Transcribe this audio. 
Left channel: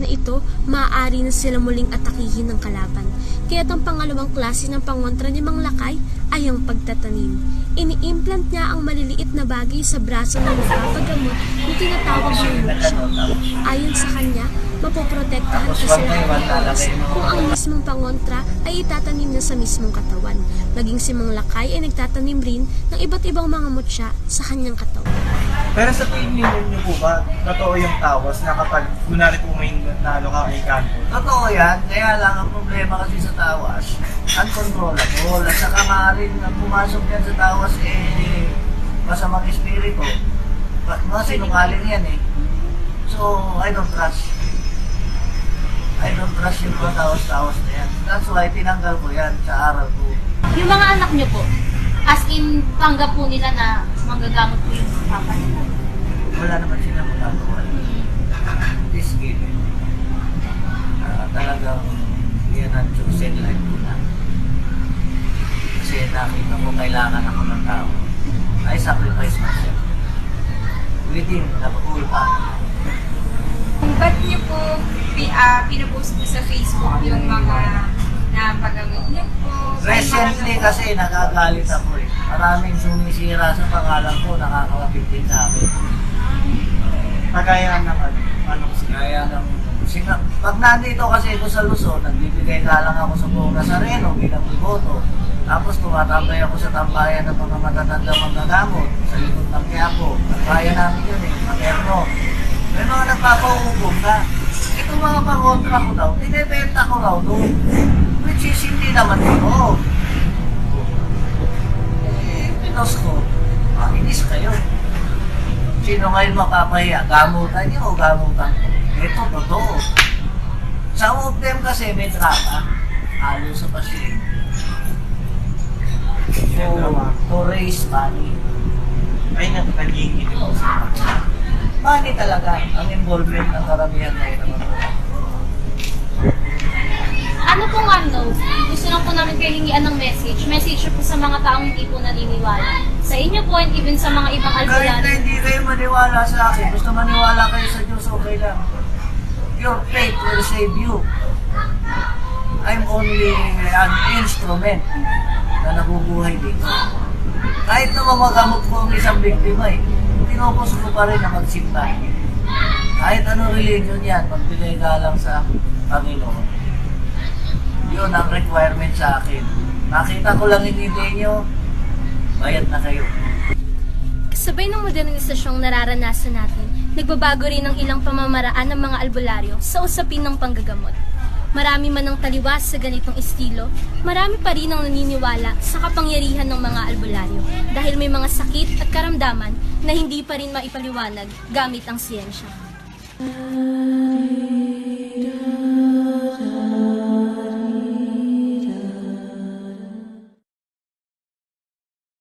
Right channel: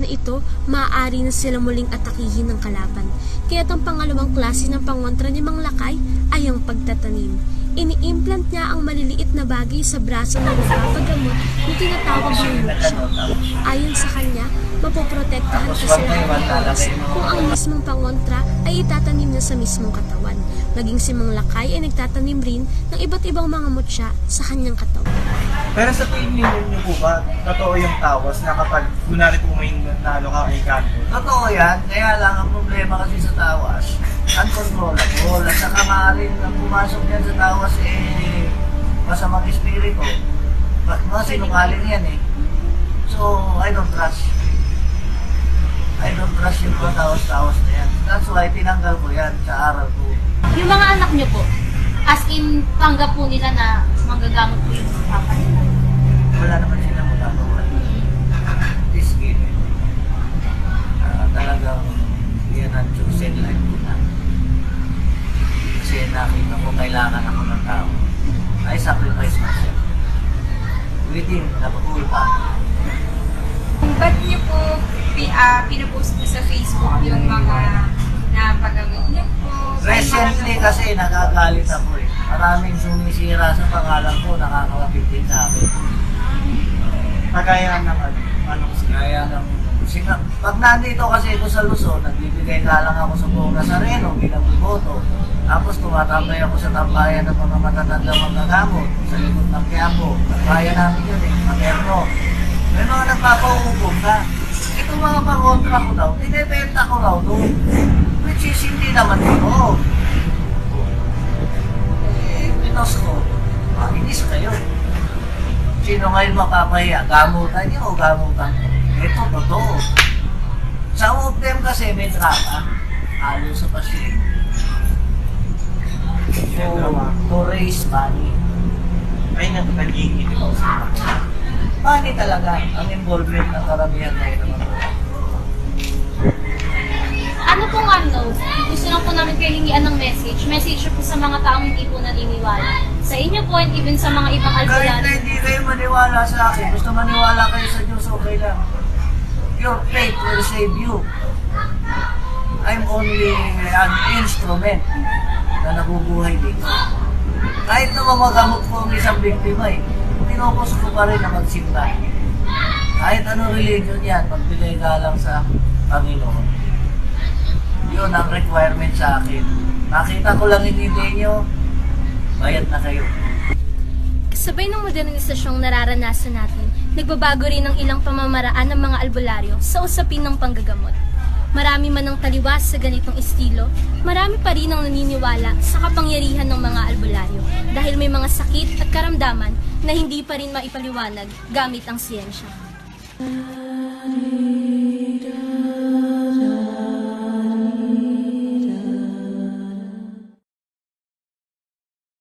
na ito, maaari na sila muling atakihin ng kalaban. Kaya't ang pangalawang klase ng pangontra ni Mang Lakay ay ang pagtatanim. Ini-implant niya ang maliliit na bagay sa braso ng nagpapagamot na tinatawag ng moksha. Ayon sa kanya, mapoprotektahan kasi ng Pilipinas kung ang mismong pangontra ay itatanim niya sa mismong katawan. Maging si Mang Lakay ay nagtatanim rin ng iba't ibang mga mutya sa kanyang katawan. Pero sa tingin niyo po ba, totoo yung tawas na kapag kunwari po may nalo ka kay kanto? Totoo yan, kaya lang ang problema kasi sa tawas, uncontrollable. At saka maaaring na pumasok yan sa tawas, masamang espiritu. Mga sinungaling yan eh. So, I don't trust yung mga tawas-tawas na yan. That's why tinanggal ko yan sa aral ko. Yung mga anak nyo po, as in, tanggap po nila na manggagamot po yung papa nila. Wala naman silang magagawa. This game, talagang yan ang chosen life ko na. Kasi nakita ko kailangan ako ng tao. I sacrifice myself. Within, napatuloy pa. Kung ba't niyo po pinapost po sa Facebook yung mga napagamit niyo po? Recently kasi nagagalit ako eh. Maraming sumisira sa pangalan ko, nakakapit din sa akin. Kagaya ng ano kasi. Kaya ng pag nandito kasi ako sa Luzon, nagbibigay lang ako sa buong Nazareno bilang iboto. Tapos tumatambay ako sa tambayan ng mga matatanda manggagamot sa likod ng Quiapo. Tambayan namin yun eh, materno. May mga nagpapahukom na, itong mga pangontra ko daw, tinibenta ko raw doon. Which is hindi naman ito. Pinos ko, inis kayo. Sino ngayon mapapahiya? Gamutan niyo o gamutan ko? Ito, totoo. Sa of them kasi may drama, halo sa pasyente. To raise money. Ay, naging ito po sa Money talaga ang involvement ng karamihan na ito. Ano pong gusto lang po namin kayo hingian ng message po sa mga taong hindi po naniniwala. Sa inyo po and even sa mga ibang Kahit na albularyo. hindi kayo maniwala sa akin, gusto maniwala kayo sa Diyos, okay lang. Your faith will save you. I'm only an instrument na nabubuhay dito. Kahit na mamagamot ko ang isang biktima pinopos ko pa rin na magsimba. Kahit anong religion yan, magbigay galang sa Panginoon. Yun ang requirement sa akin. Nakita ko lang hindi nyo, bayad na kayo. Kasabay ng modernisasyong nararanasan natin, nagbabago rin ang ilang pamamaraan ng mga albularyo sa usapin ng panggagamot. Marami man ang taliwas sa ganitong estilo, marami pa rin ang naniniwala sa kapangyarihan ng mga albularyo dahil may mga sakit at karamdaman na hindi pa rin maipaliwanag gamit ang siyensya.